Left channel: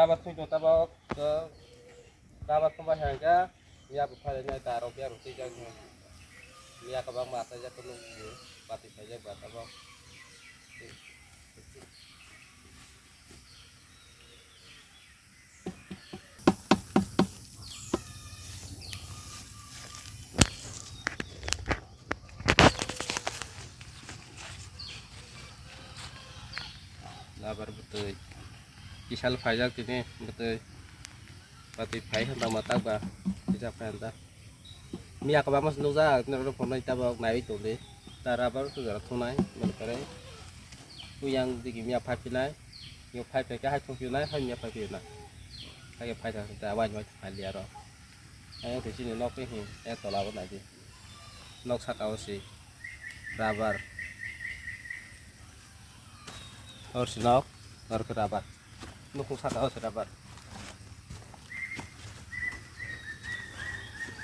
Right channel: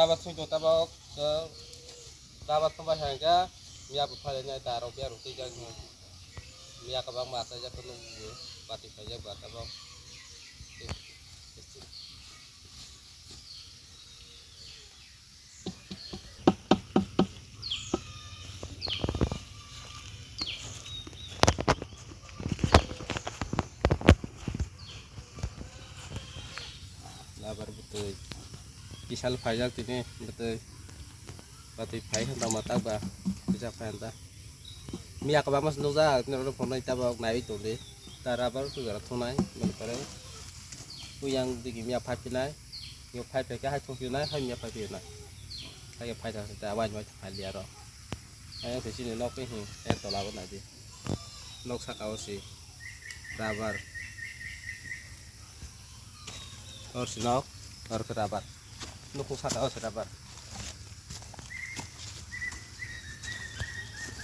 dapat sih tabok ke dapat tempat harga mia bukannya taruh biar roti jangan mia ke bang mata aja ke nunggu pati saja buat tabok labar betul kisah fajar ini betul pati fai hendak mata bah kisah fai mia ka mas no za no phone ta ba nai to de tara ba tu ga thonai man pare uyang di mia phai pinai yo phai pe ka hai thong pinai hai mia phai pinai hai phai ta wa ma phai lia ro ai thì xin nó cái hình em tỏ là cái này đi nó sắc áo xì rubber original और के rubber nó cũng sắc áo xì rubber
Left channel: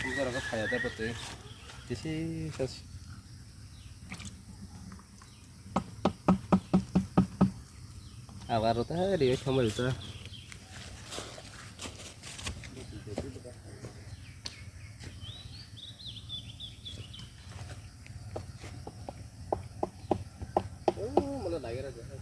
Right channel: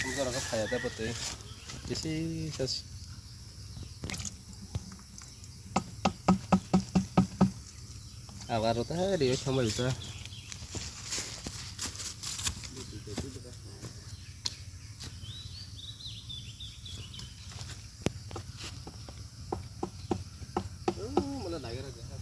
chúng ta có phải ở đây một tí this is just vào rồi đi không được ta malah naik aja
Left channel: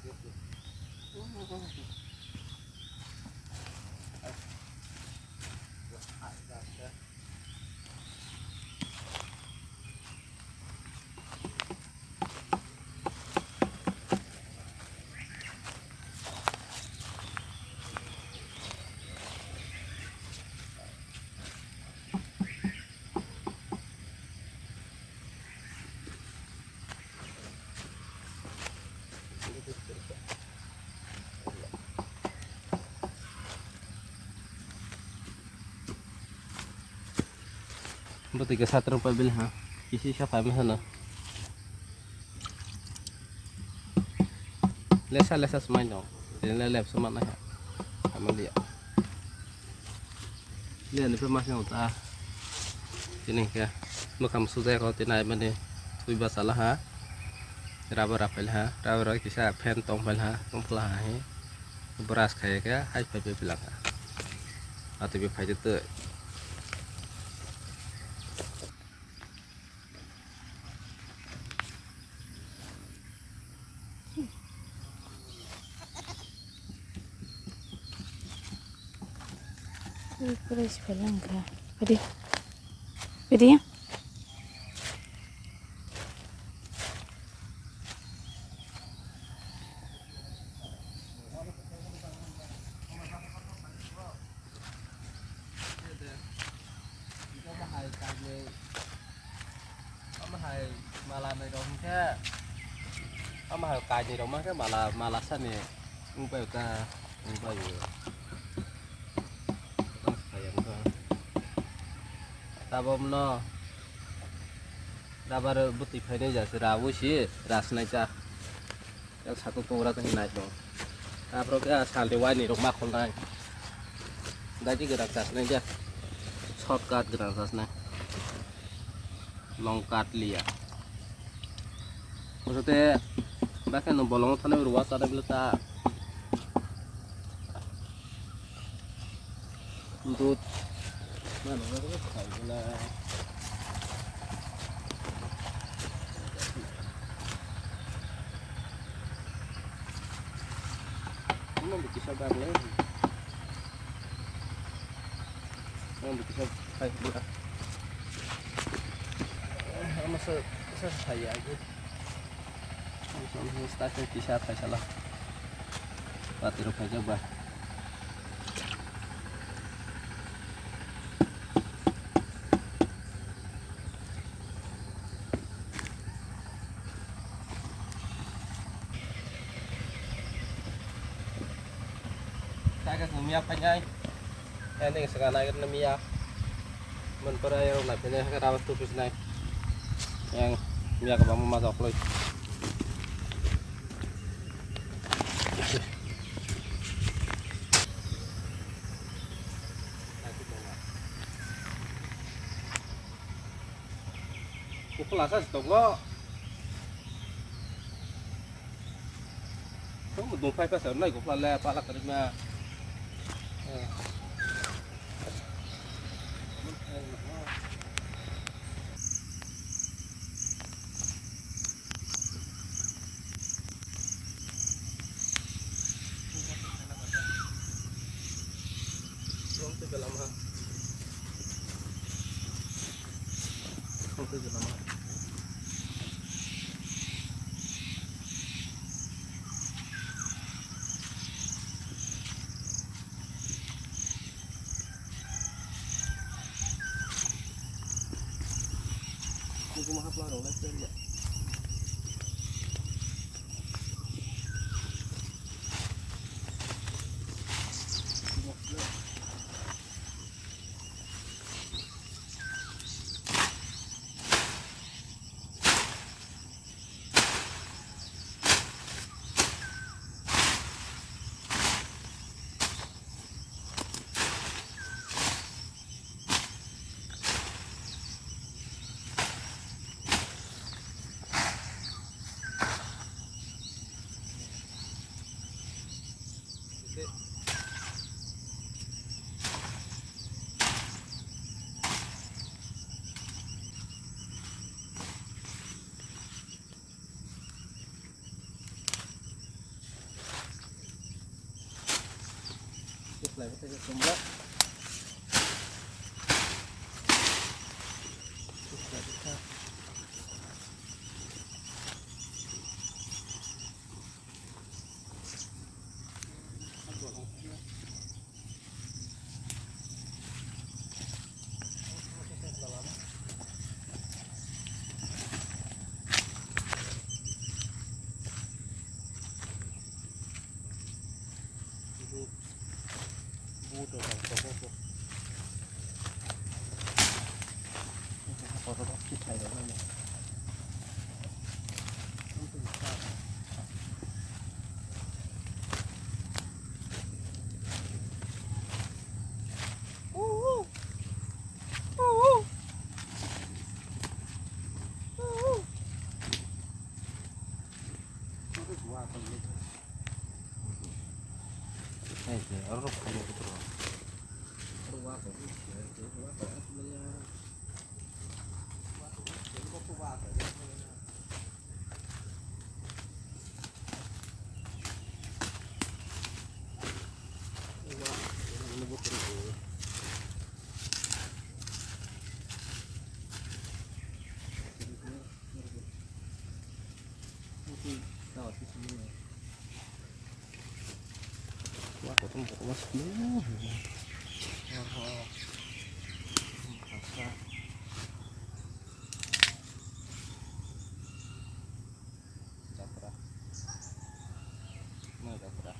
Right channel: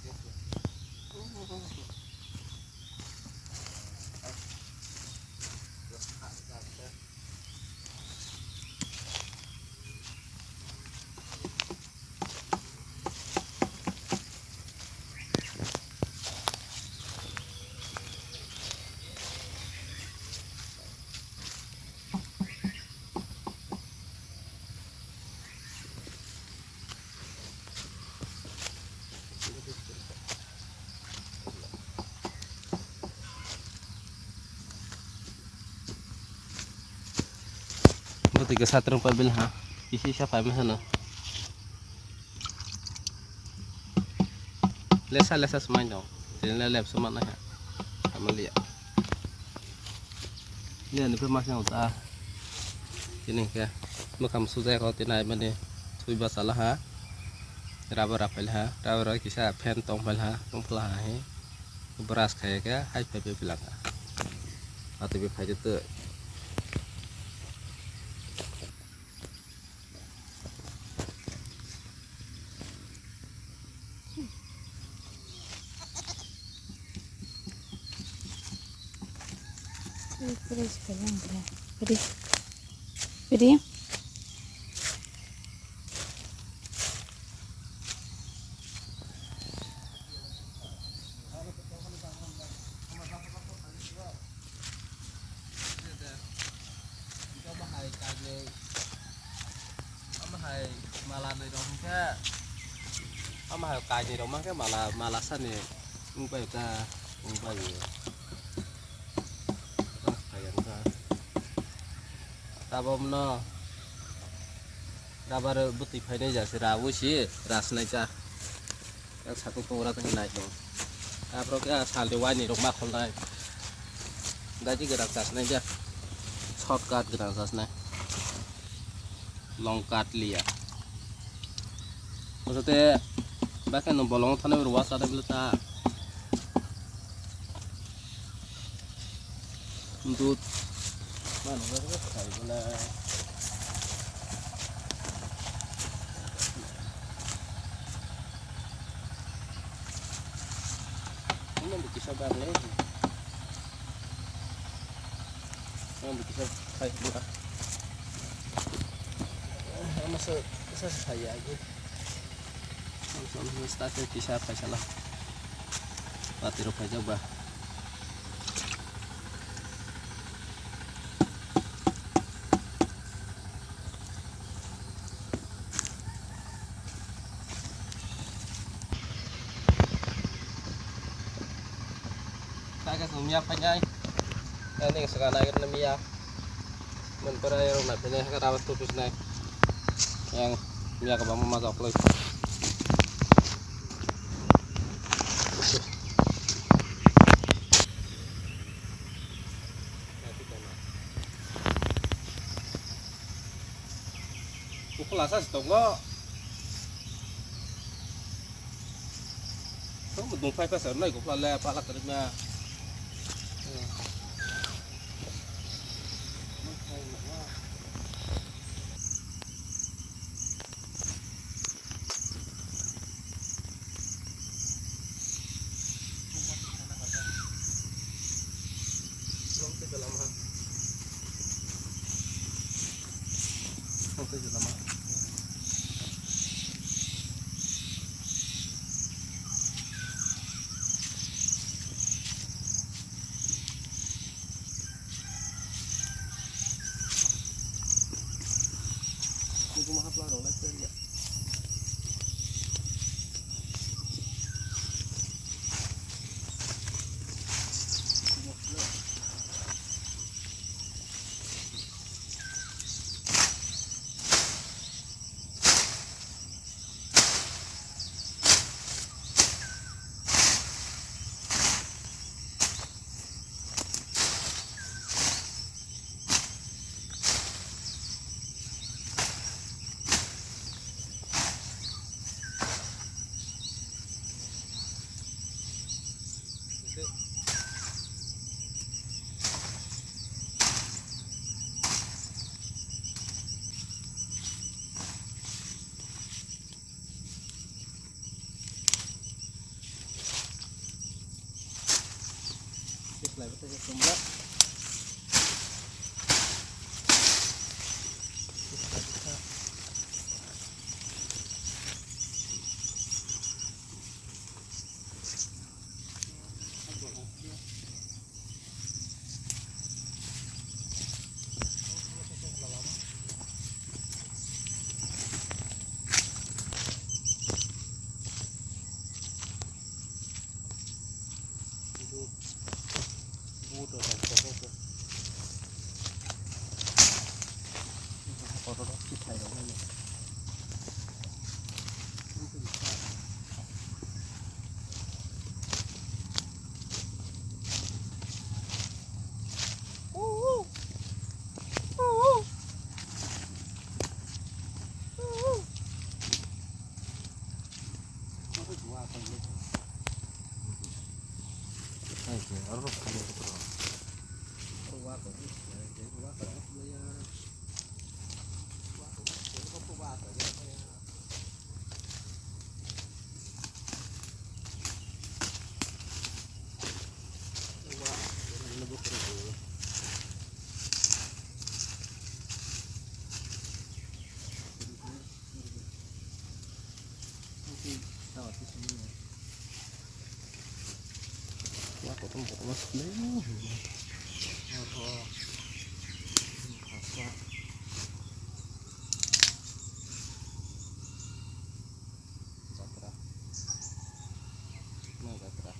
berarti ke satu rupiah bil ha isi siapa yang sana lesa semuanya jadi lelep semua ya kamu lihat ini masnya utah ini ya kamu sudah kalau tinai mana tuh basalah ha rubber apel ha rubber kisah pen tombol ha tombol ha beras kayak ya hai pepe bilang atau be pakai itu Terus bilang beri beri malah này dong ke ama hay kai ni dong mah ke malah san ni ungpai ka ungpai sayang ka tabom no dabar buti phai nei ja se ra wo si ras nai cha ya satu tura ka nai dong tapro ka sal de wai ni dong ma khol nai gaji gerak jas nai ja shortcut gerak jas nai long cut liya maksudnya bahkan bolong tanam ruas ada belta untuk mana ada kai bela ini bisa barle bisa kai bela masa saya aja langsung start bisa apa salah mati rupa coba saya ke sumia panjang ini sekarang air nemia menperayar nak punya kerawat tupis naik yang mia ke bawah masuk lagi Kulasa setengah, kamu dong fai pasal naik kulah le, palak kerja. Aku mah hafal dong, let's ya. Lại có thể dùng đất. Mudah kan, kok. Kalau kita itu namanya. Orang kamu betul. Wah, kok tempat mas dulu. Oh, Jatra. Nah, Jatra.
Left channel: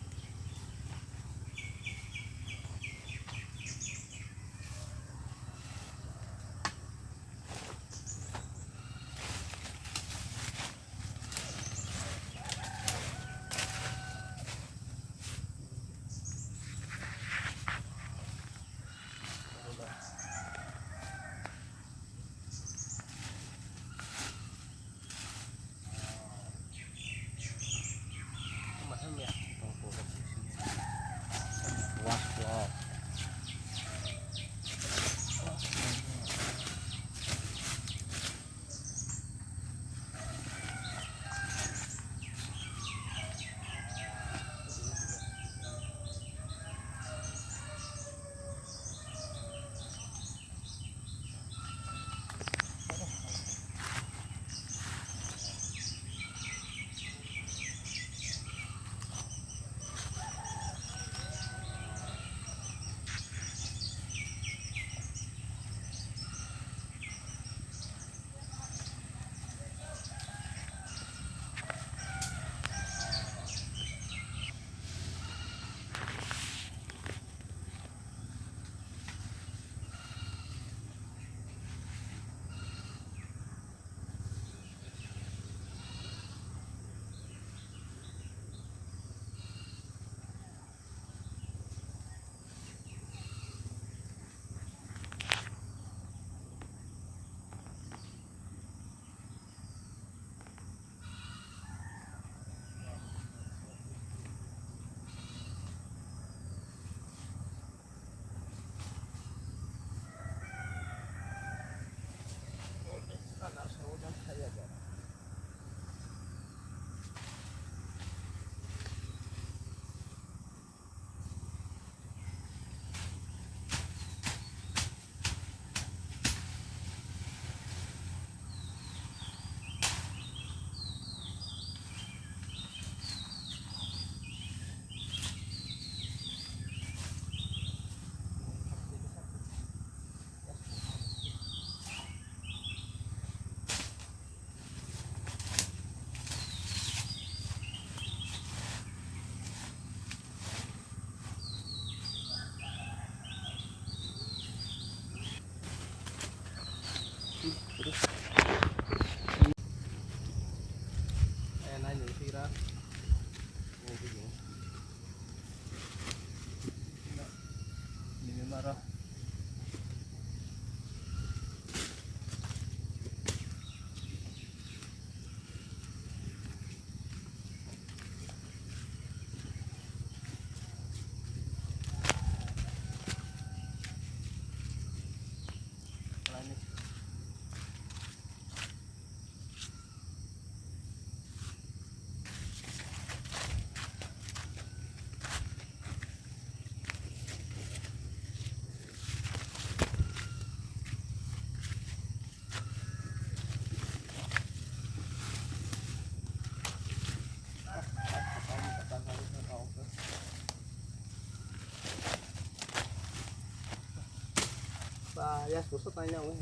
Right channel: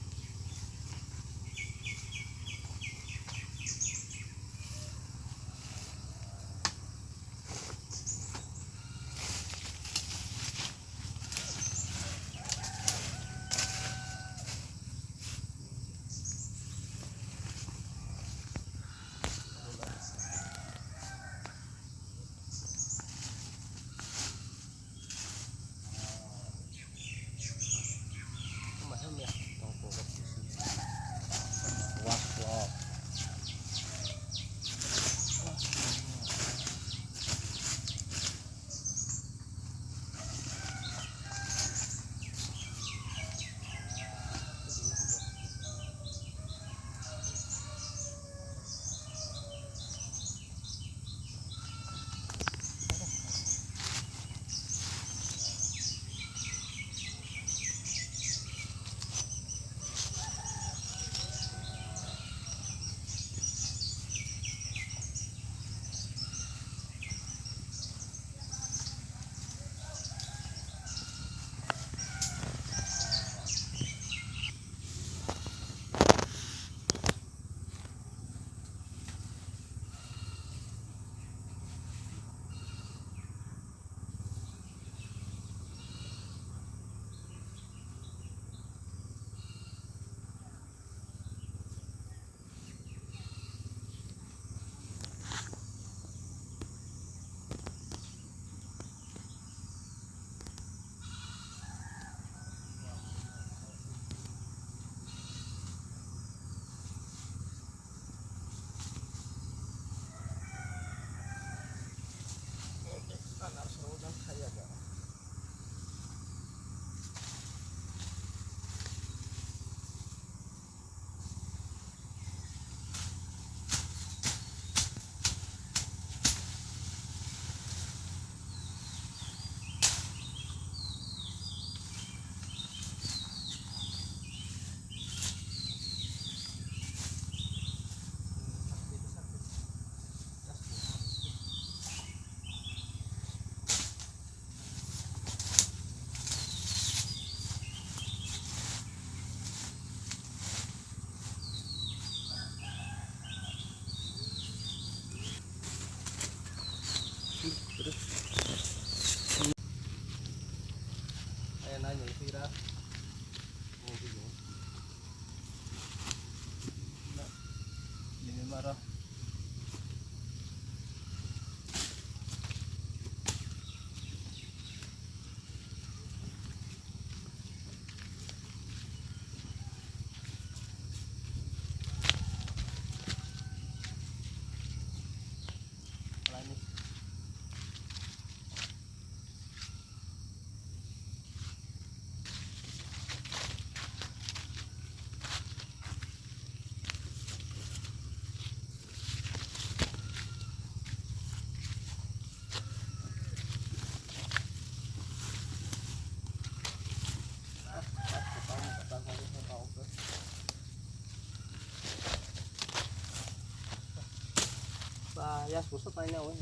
susah tanya weh.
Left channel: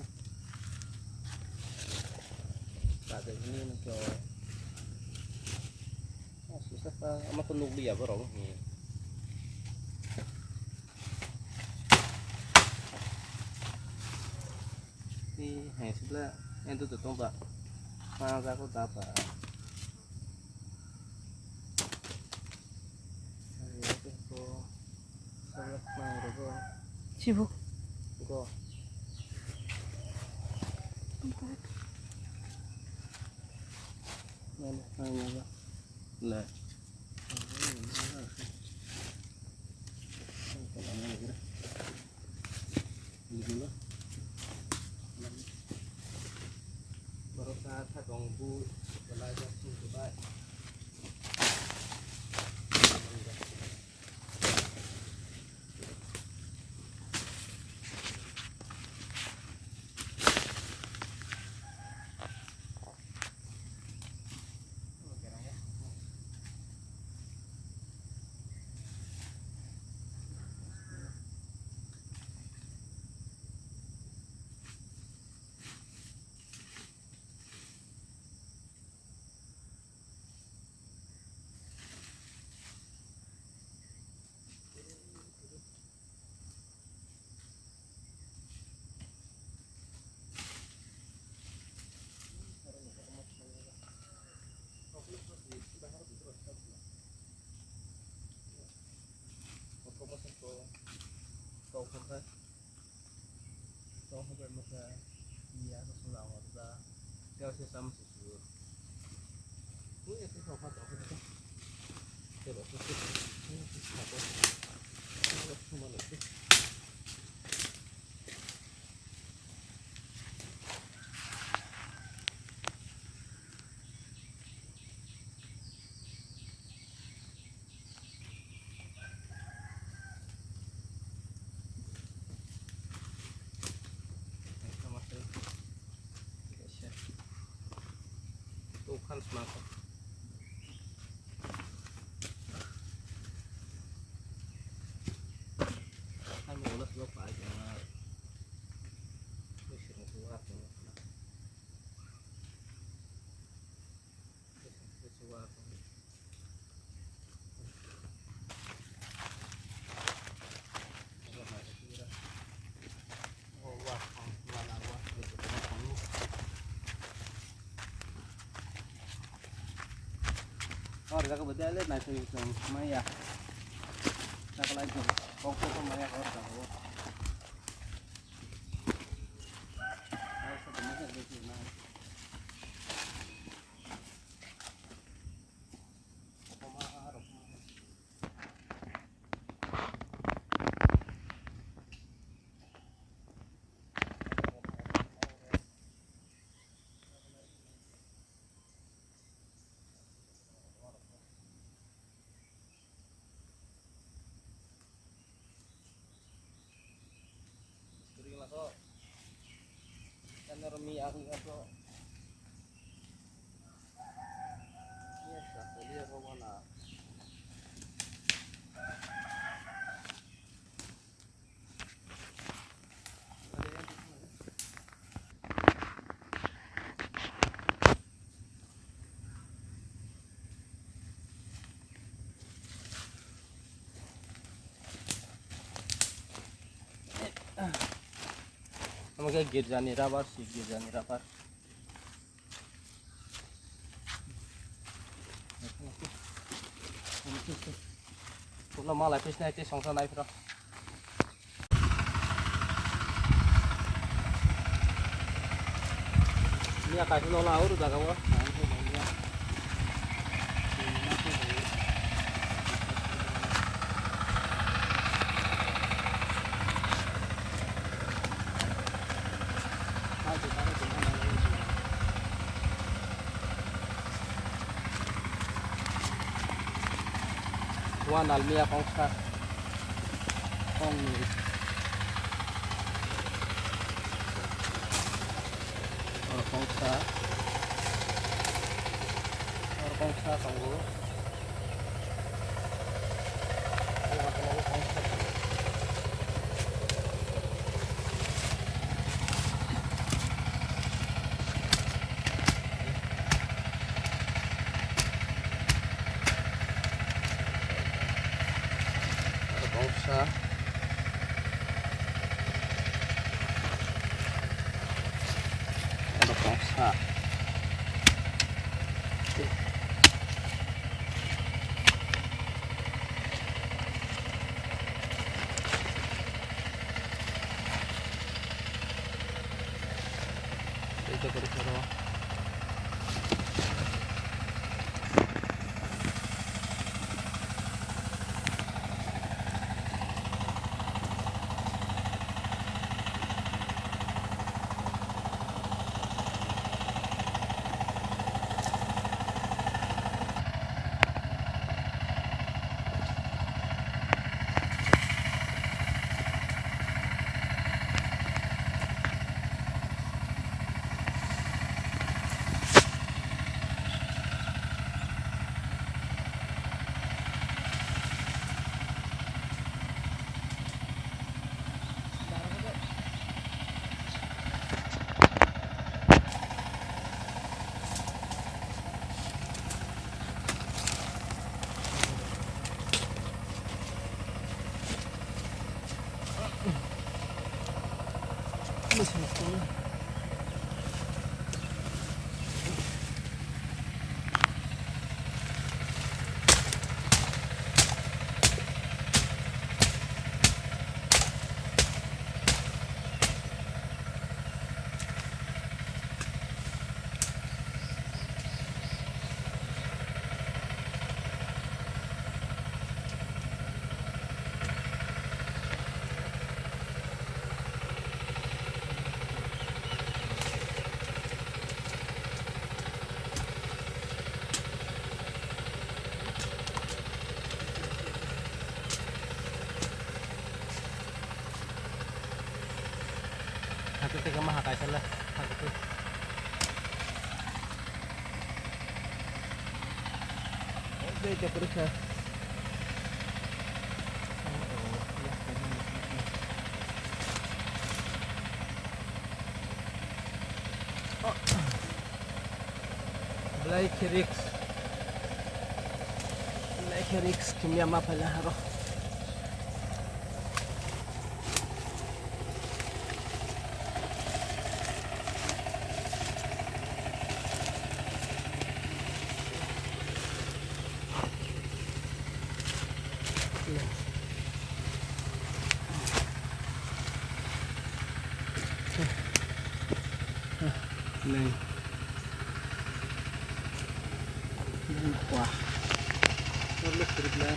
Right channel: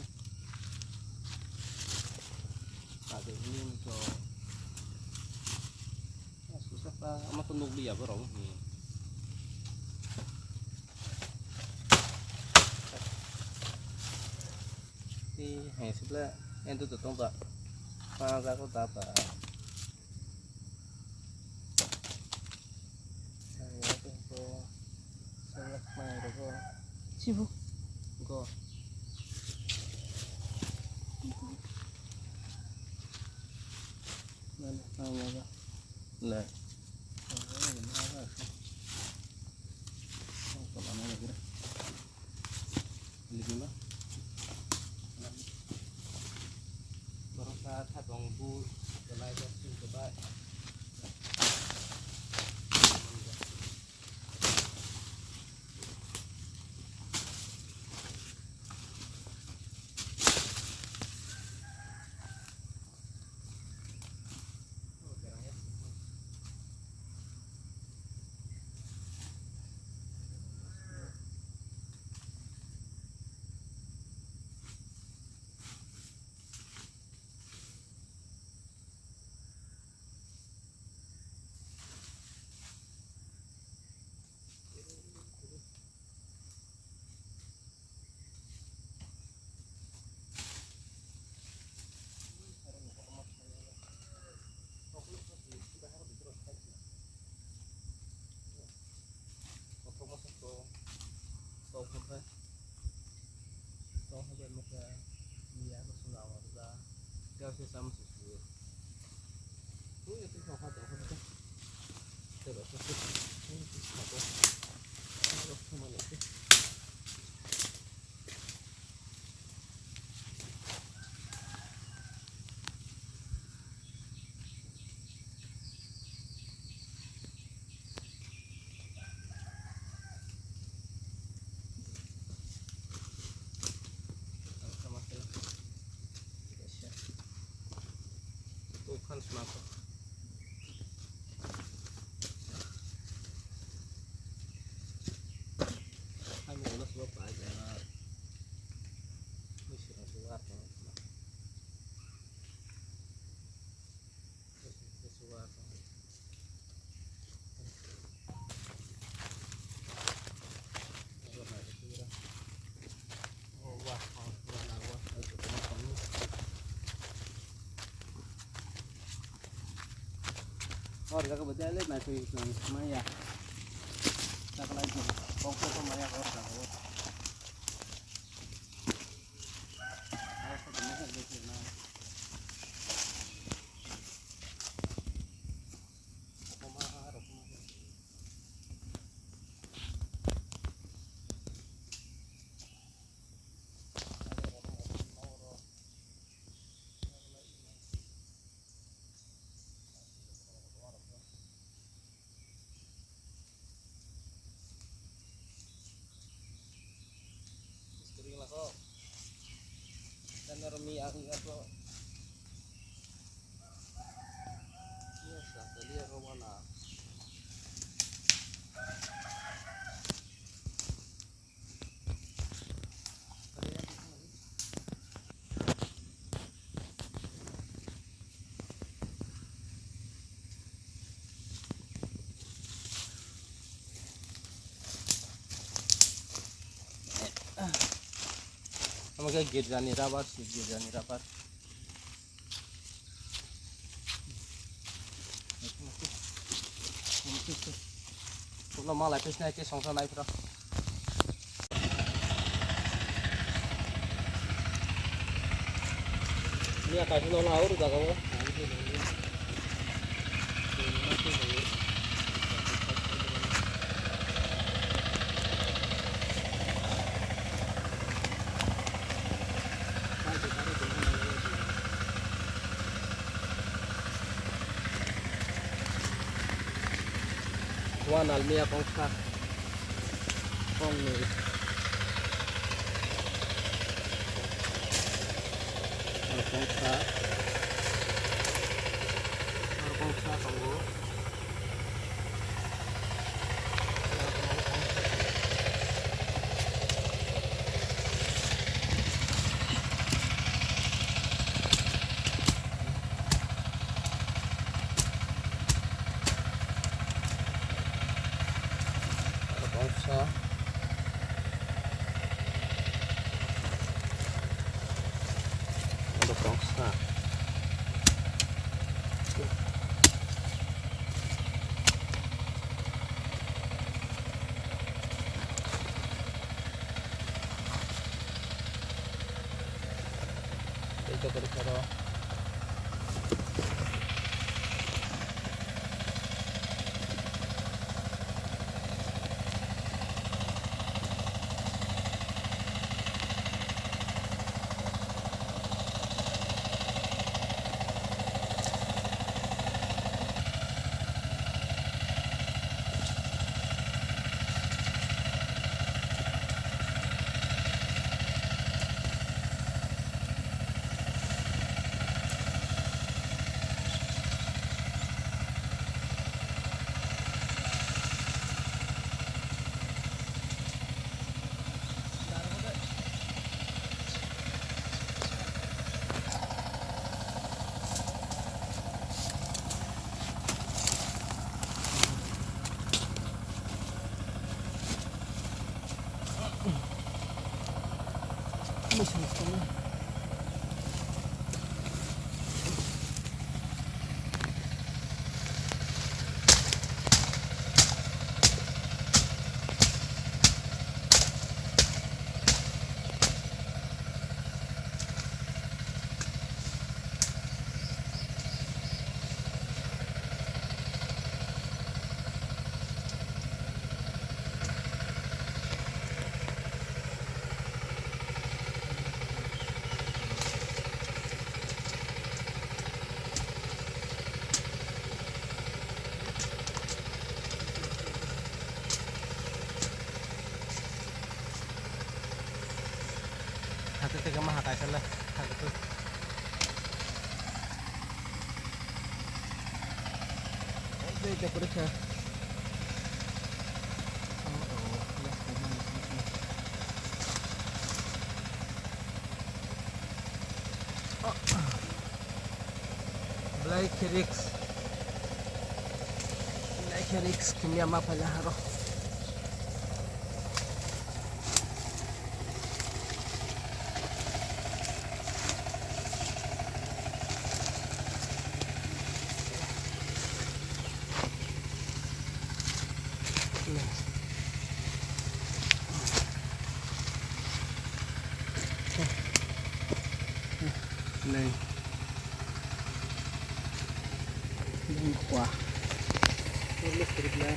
Tak ada ini cho. Susah ta, ama kunug dia bro. Thì hay sắp là em tôi tông vợ pha ra có ta vợ cô sao lắc mai rồi cô Sibu. cô nên hai nhau ra là baru saat hadong bu belai jasu coba câu không phải câu không phải mất ra nhà có số nào mà ra theo xe xăm sửa sửa cuối cái không phải đâu không phải theo đó cái nó không mà được kan semangka hai mau ulas bapak aja musir suar suar oh wah और जगह बता ले ना सही मैं या सकला जो कोको तो मैं और का हो और सब मैं देखिए ना kok kan remi aku kok biasa tadi rawana Semoga girjani rabar sih girjani rabar. Kalau malah pesnya itu songsan naik bro. Ini akan hilang laur udah kamu. Wan almia kongsa kong nih kongsa kanggo Hati tega mahakai salah hati tuh oke kita periksa Black Rix kimia mapala haro Neng kuah terus berbelah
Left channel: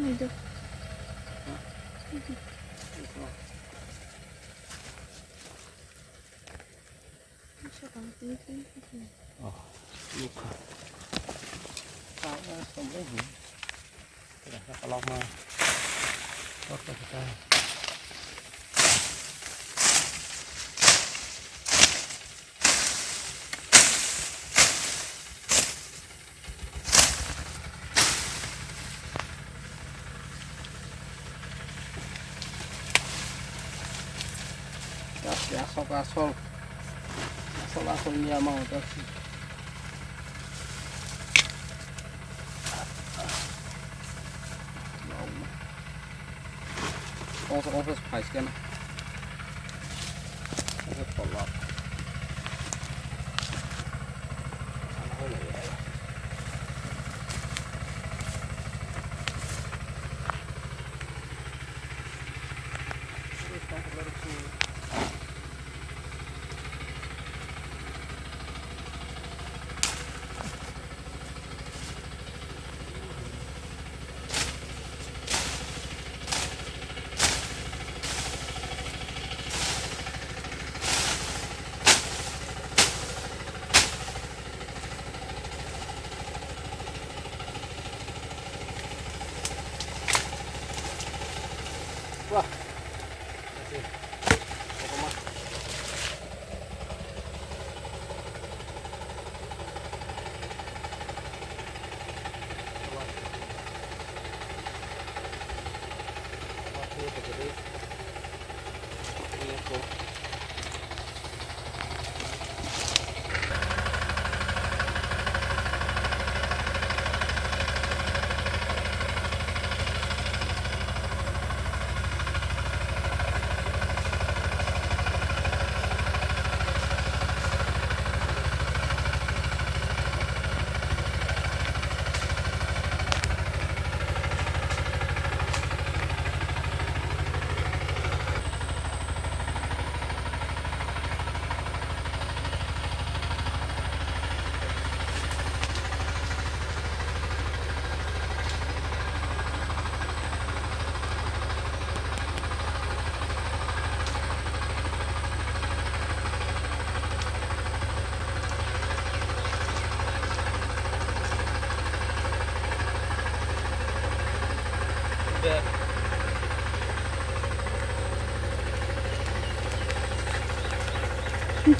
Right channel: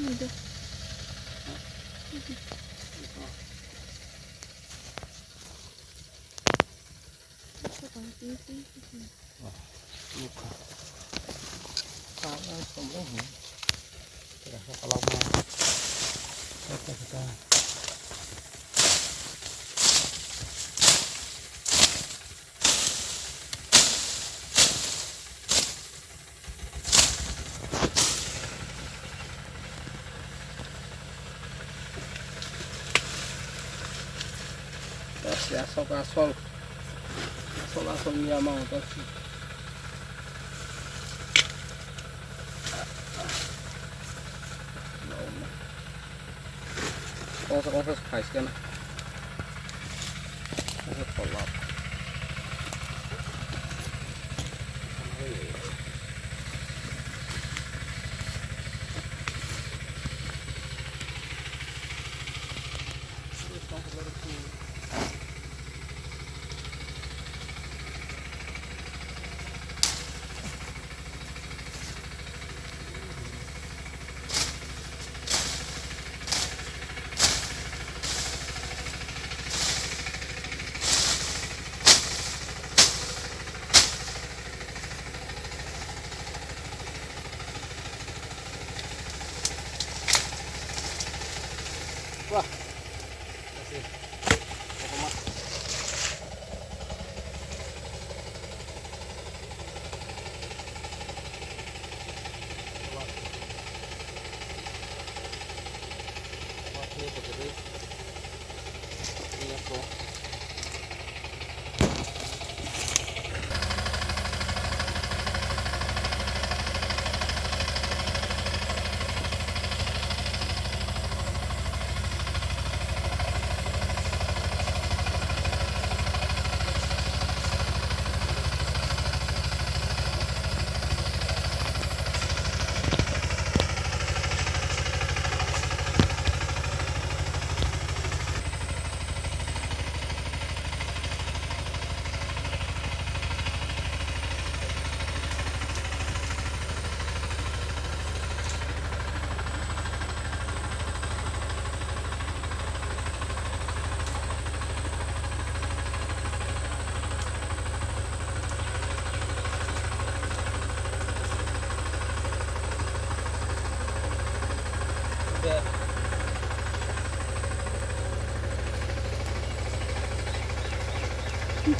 Udah. oh luka sama semua terasa kalau mau kita ya asal dia mau kasih asal spice kan asal kolak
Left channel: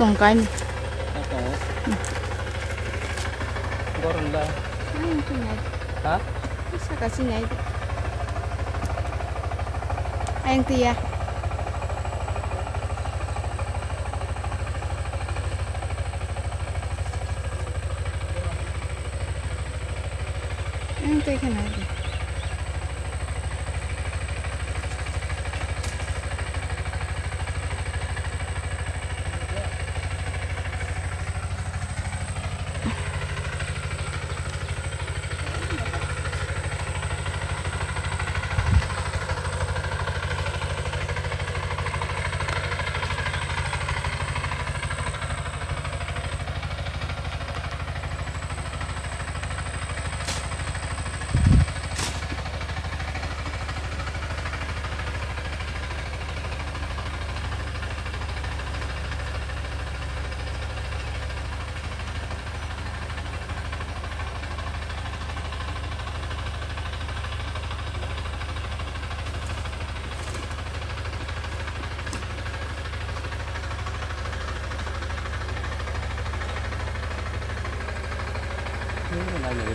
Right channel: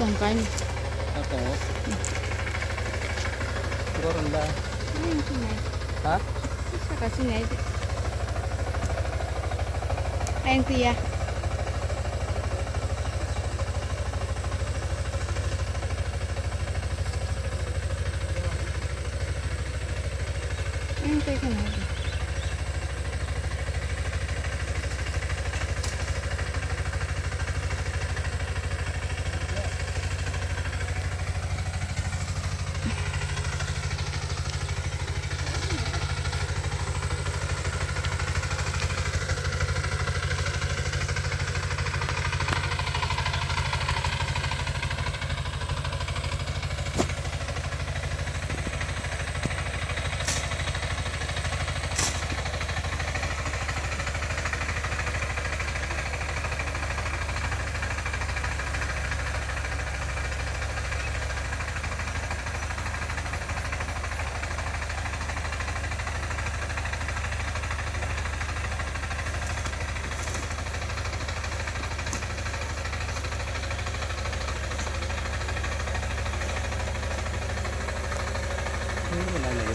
tong cái này. Atau goreng lah. Anh cái này. Hah? Bisa kasih nyai. Anh thì à. Anh cái này. Ini mana ni?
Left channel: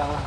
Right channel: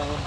Bang lah.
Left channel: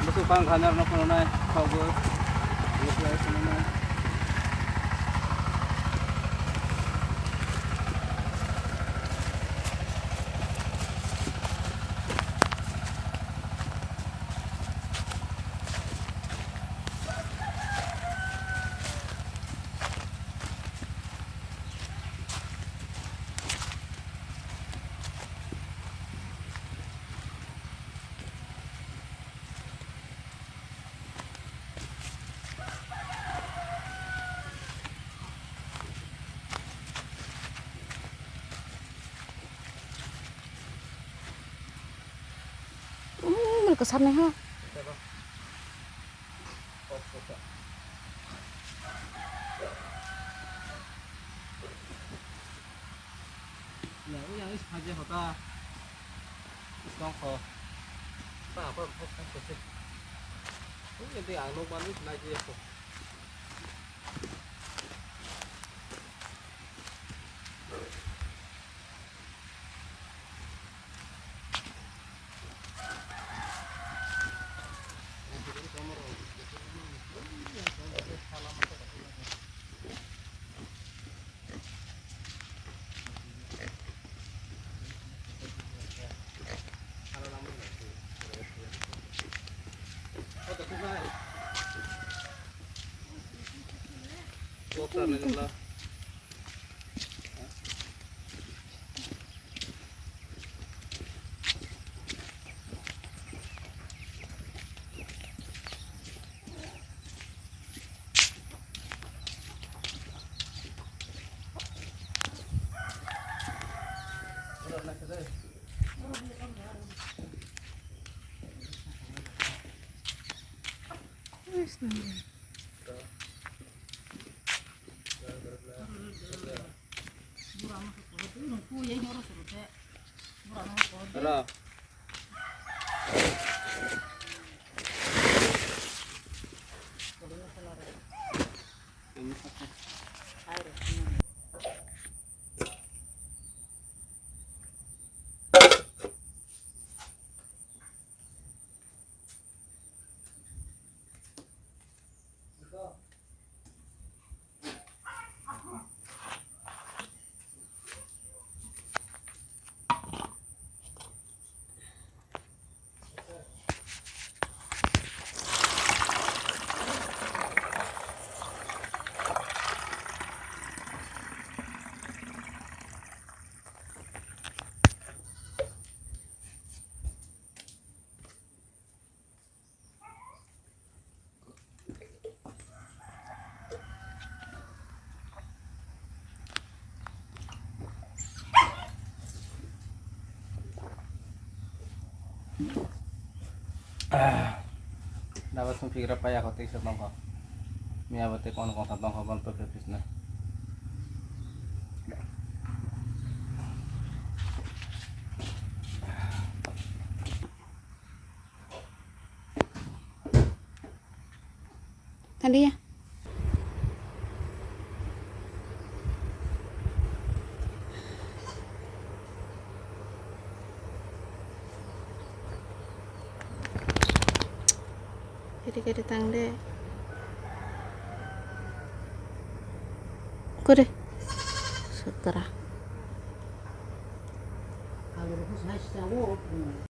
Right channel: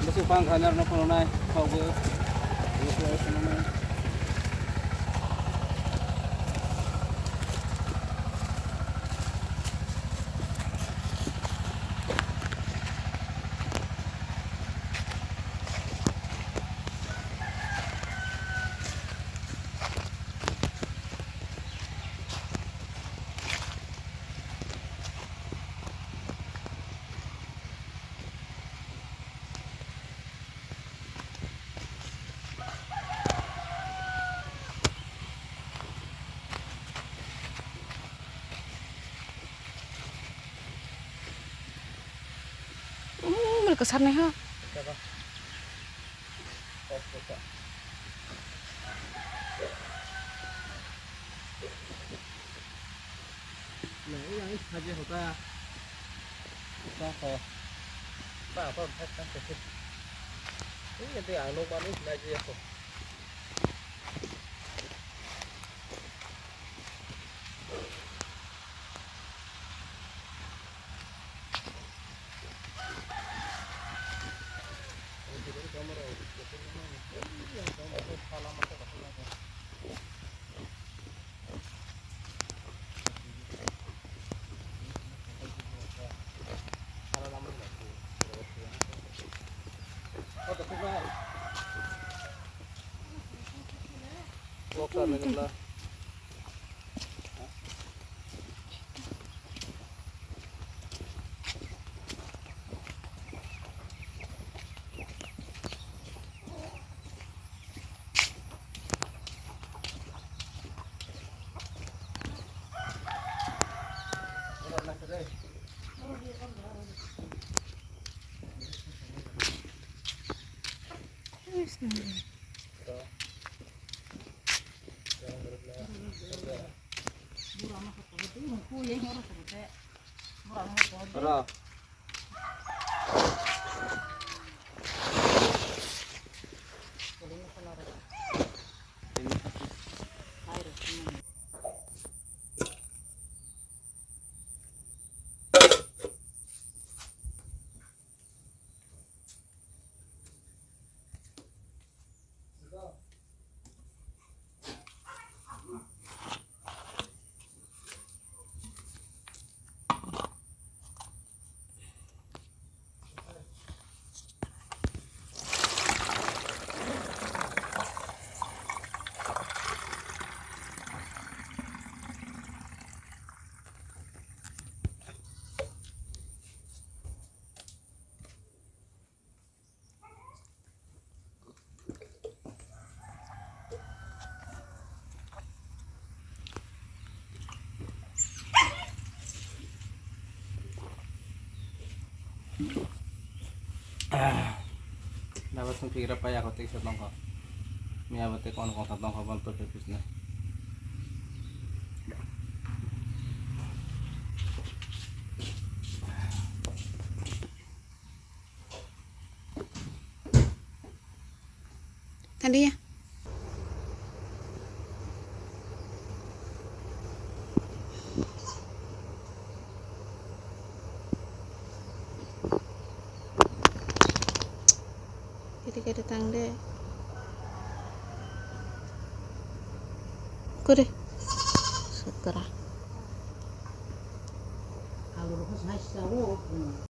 Masuk pang kanar na puno na kau go. Ini place na. Kesan nih ha. Siapa? Oh, buka. Nah, ini yang saja hota. Songko. Tak apa, tak apa. Ini nanti anu manis lagi aku. Alhamdulillah. Wis nang. Tara. Dapat mong pira pa ako tig sa bangko. Miyawat ko ano kung sa bangko bang purpose na. Tadi ya. Jadi tangga. Kure. Seterah. Kalau aku saya tahu.